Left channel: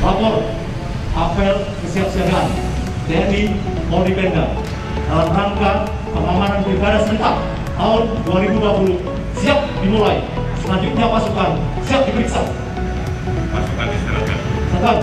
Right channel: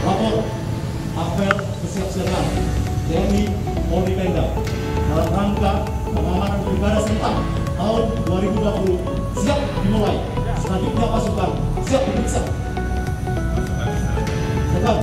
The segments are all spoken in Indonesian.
Lapor apel kesiapsiagaan TNI Polri Pemda dalam rangka pengamanan pilkada serentak tahun 2020 siap dimulai. Selanjutnya pasukan siap diperiksa. Pasukan diserahkan. Sedang.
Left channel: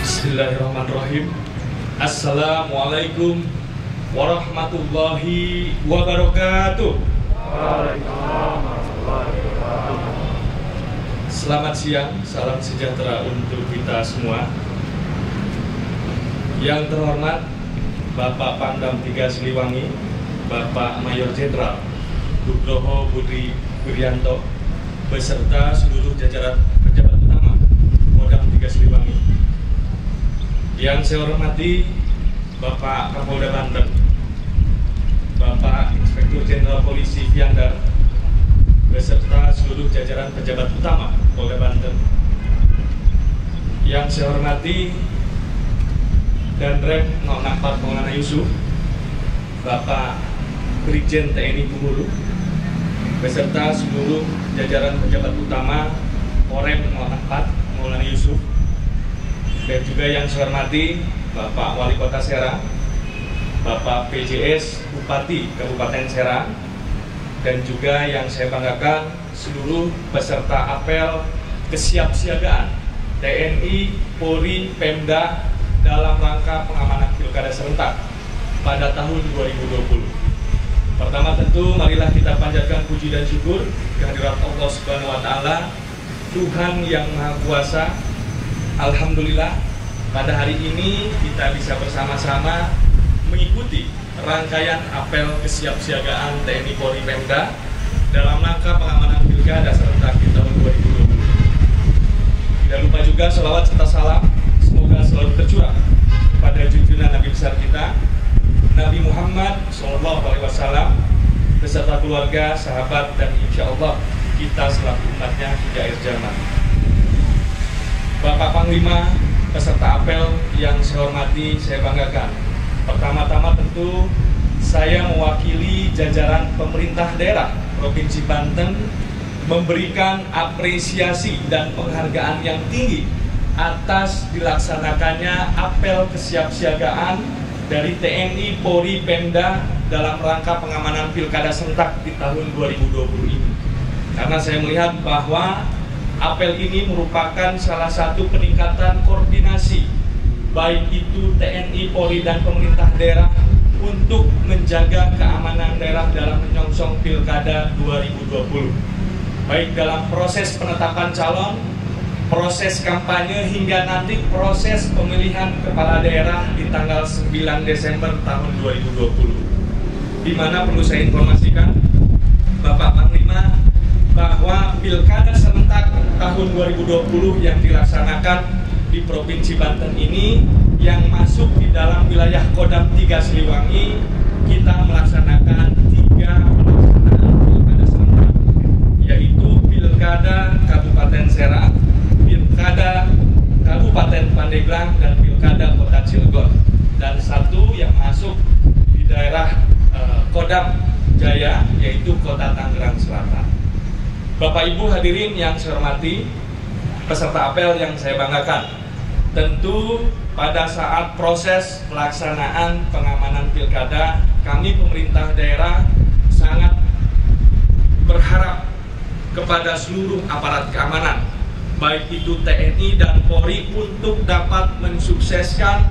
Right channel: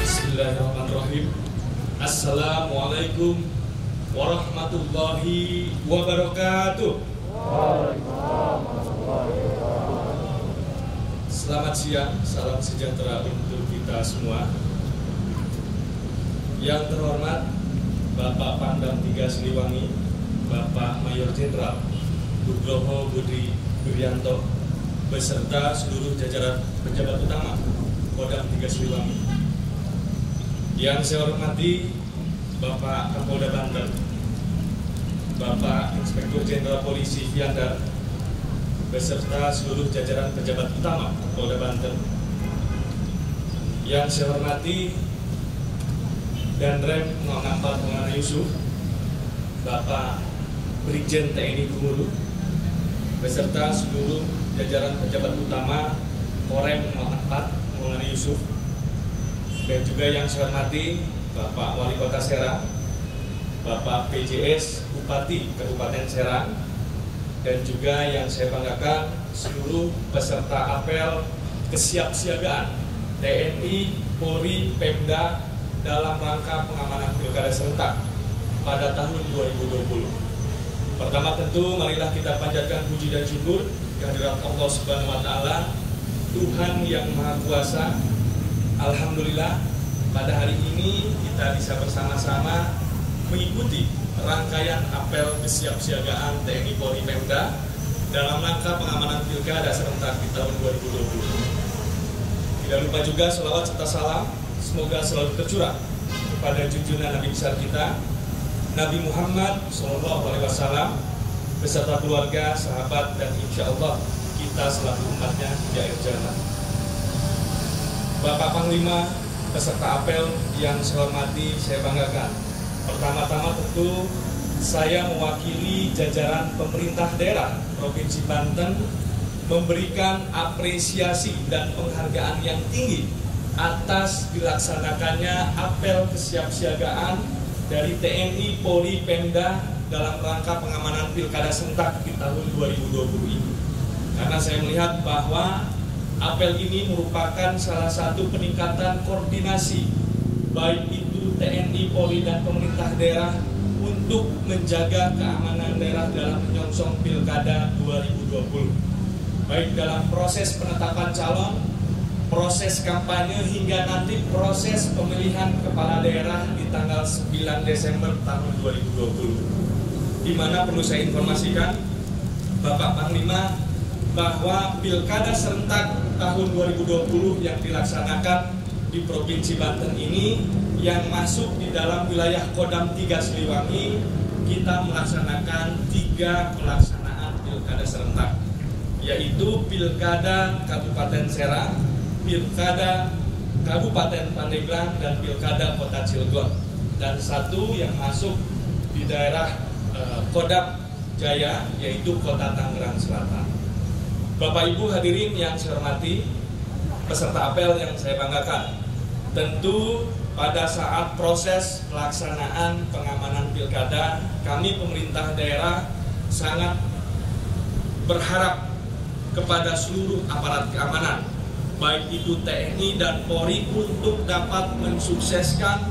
Bismillahirrahmanirrahim. Assalamualaikum warahmatullahi wabarakatuh. Selamat siang, salam sejahtera untuk kita semua. Yang terhormat Bapak Pangdam 3 Siliwangi, Bapak Mayor Jenderal Nugroho Budi Wiryanto, beserta seluruh jajaran pejabat utama Kodam 3 Siliwangi. Yang saya hormati Bapak Kapolda Banten, Bapak Inspektur Jenderal Polisi Fiandar, beserta seluruh jajaran pejabat utama Polda Banten. Yang saya hormati Danrem 064 Maulana Yusuf, Bapak Brigjen TNI Gumulu, beserta seluruh jajaran pejabat utama Korem 064 Maulana Yusuf. Dan juga yang saya hormati Bapak Wali Kota Serang, Bapak PJS Bupati Kabupaten Serang, dan juga yang saya banggakan seluruh peserta apel kesiapsiagaan TNI, Polri, Pemda dalam rangka pengamanan pilkada serentak pada tahun 2020. Pertama tentu marilah kita panjatkan puji dan syukur kehadirat Allah Subhanahu wa Ta'ala, Tuhan yang Maha Kuasa. Alhamdulillah, pada hari ini kita bisa bersama-sama mengikuti rangkaian apel kesiapsiagaan TNI Polri Pemda dalam rangka pengamanan pilkada serentak di tahun 2020. Tidak lupa juga selawat serta salam semoga selalu tercurah pada junjungan Nabi besar kita, Nabi Muhammad SAW, beserta keluarga, sahabat, dan insya Allah kita selaku umatnya hingga akhir zaman. Bapak Panglima, peserta apel yang saya hormati, saya banggakan. Pertama-tama tentu saya mewakili jajaran pemerintah daerah Provinsi Banten memberikan apresiasi dan penghargaan yang tinggi atas dilaksanakannya apel kesiapsiagaan dari TNI, Polri, Pemda dalam rangka pengamanan pilkada serentak di tahun 2020 ini. Karena saya melihat bahwa apel ini merupakan salah satu peningkatan koordinasi baik itu TNI, Polri, dan pemerintah daerah untuk menjaga keamanan daerah dalam menyongsong pilkada 2020. Baik dalam proses penetapan calon, proses kampanye, hingga nanti proses pemilihan kepala daerah di tanggal 9 Desember tahun 2020. Di mana perlu saya informasikan Bapak Panglima bahwa pilkada serentak tahun 2020 yang dilaksanakan di Provinsi Banten ini yang masuk di dalam wilayah Kodam 3 Siliwangi, kita melaksanakan 3 pelaksanaan pilkada serentak, yaitu pilkada Kabupaten Serang, pilkada Kabupaten Pandeglang, dan pilkada Kota Cilegon, dan 1 yang masuk di daerah Kodam Jaya, yaitu Kota Tangerang Selatan. Bapak Ibu hadirin yang saya hormati, peserta apel yang saya banggakan, tentu pada saat proses pelaksanaan pengamanan pilkada, kami pemerintah daerah sangat berharap kepada seluruh aparat keamanan, baik itu TNI dan Polri, untuk dapat mensukseskan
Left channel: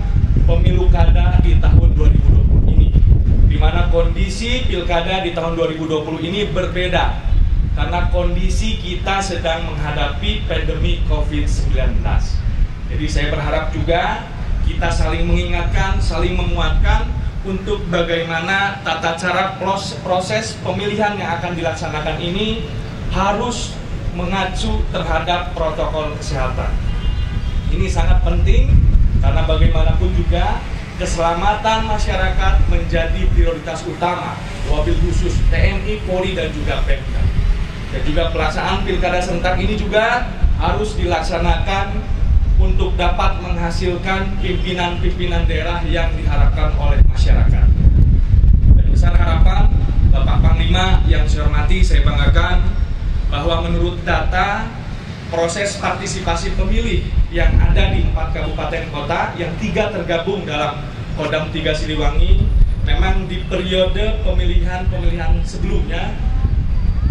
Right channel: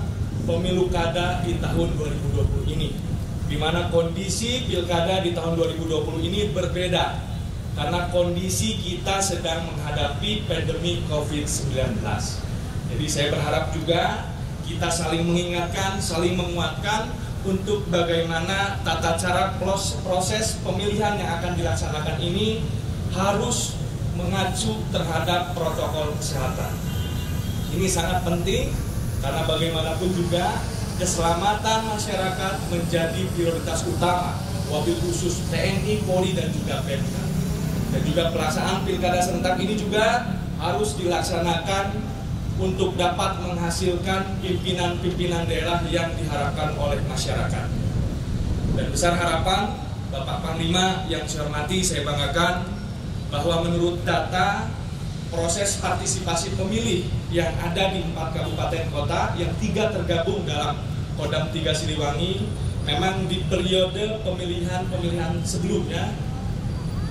pemilu kada di tahun 2020 ini, di mana kondisi pilkada di tahun 2020 ini berbeda. karena kondisi kita sedang menghadapi pandemi COVID-19. Jadi saya berharap juga kita saling mengingatkan, saling menguatkan untuk bagaimana tata cara proses pemilihan yang akan dilaksanakan ini harus mengacu terhadap protokol kesehatan. Ini sangat penting karena bagaimanapun juga keselamatan masyarakat menjadi prioritas utama, wabil khusus TNI, Polri, dan juga Pemda. Dan juga pelaksanaan pilkada serentak ini juga harus dilaksanakan untuk dapat menghasilkan pimpinan-pimpinan daerah yang diharapkan oleh masyarakat. Dan besar harapan Bapak Panglima yang saya hormati, saya banggakan bahwa menurut data proses partisipasi pemilih yang ada di 4 kabupaten kota yang 3 tergabung dalam Kodam 3 Siliwangi, memang di periode pemilihan sebelumnya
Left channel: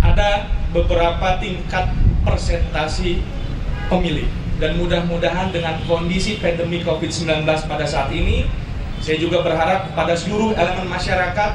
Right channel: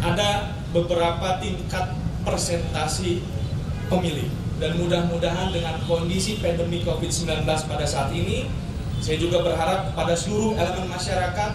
ada beberapa tingkat persentasi pemilih. Dan mudah-mudahan dengan kondisi pandemi COVID-19 pada saat ini, saya juga berharap pada seluruh elemen masyarakat,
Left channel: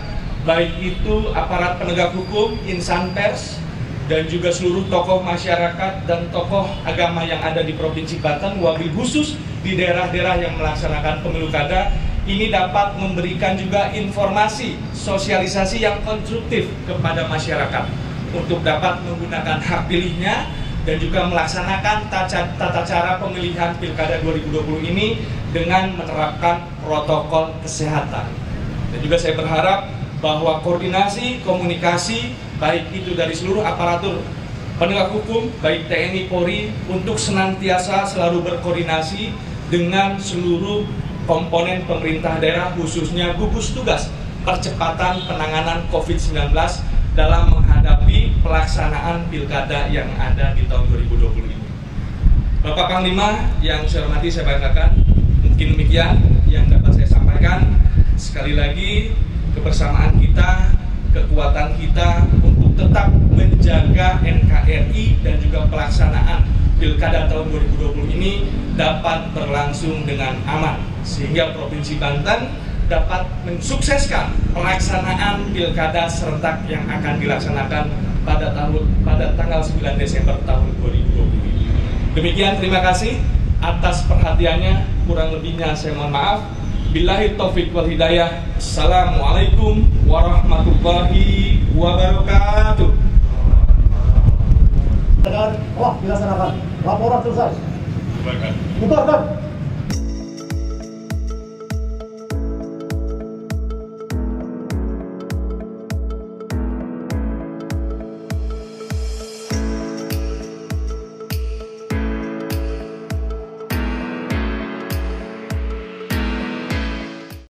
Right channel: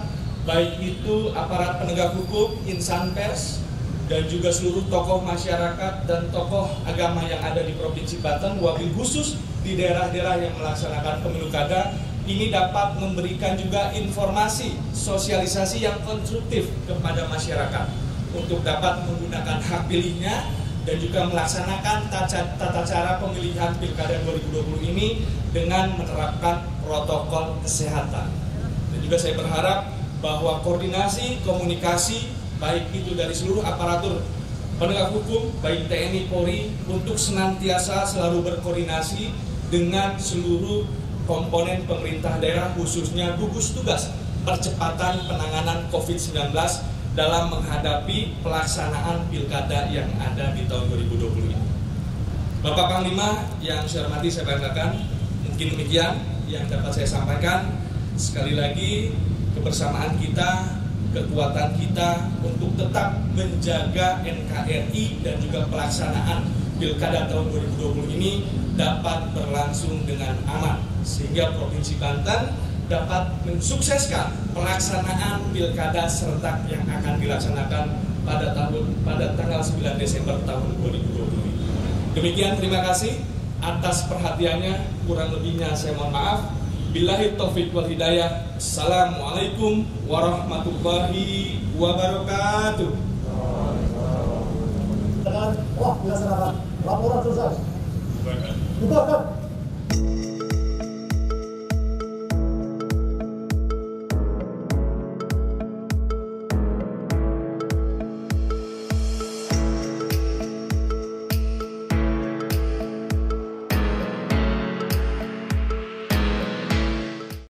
baik itu aparat penegak hukum, insan pers, dan juga seluruh tokoh masyarakat dan tokoh agama yang ada di Provinsi Banten, wabil khusus di daerah-daerah yang melaksanakan pemilu kada, ini dapat memberikan juga informasi, sosialisasi yang konstruktif kepada masyarakat untuk dapat menggunakan hak pilihnya dan juga melaksanakan tata cara pemilihan Pilkada 2020 ini dengan menerapkan protokol kesehatan. Dan juga saya berharap bahwa koordinasi, komunikasi, baik itu dari seluruh aparatur penegak hukum, baik TNI, Polri, untuk senantiasa selalu berkoordinasi dengan seluruh komponen pemerintah daerah, khususnya gugus tugas percepatan penanganan COVID-19 dalam menghadapi pelaksanaan pilkada yang ada di tahun 2020 ini. Bapak Panglima yang saya hormati, saya banggakan, mungkin demikian yang dapat saya sampaikan. Sekali lagi, kebersamaan kita, kekuatan kita untuk tetap menjaga NKRI dan juga pelaksanaan pilkada tahun 2020 ini dapat berlangsung dengan aman, sehingga Provinsi Banten dapat mensukseskan pelaksanaan pilkada serentak yang akan dilaksanakan pada tanggal 9 Desember tahun 2020 ini. Demikian, terima kasih atas perhatiannya. Kurang lebihnya saya mohon maaf. Billahi taufiq wal hidayah. Assalamualaikum warahmatullahi wabarakatuh. Wah, dilaksanakan. Laporan selesai. Bubarkan. Bubarkan.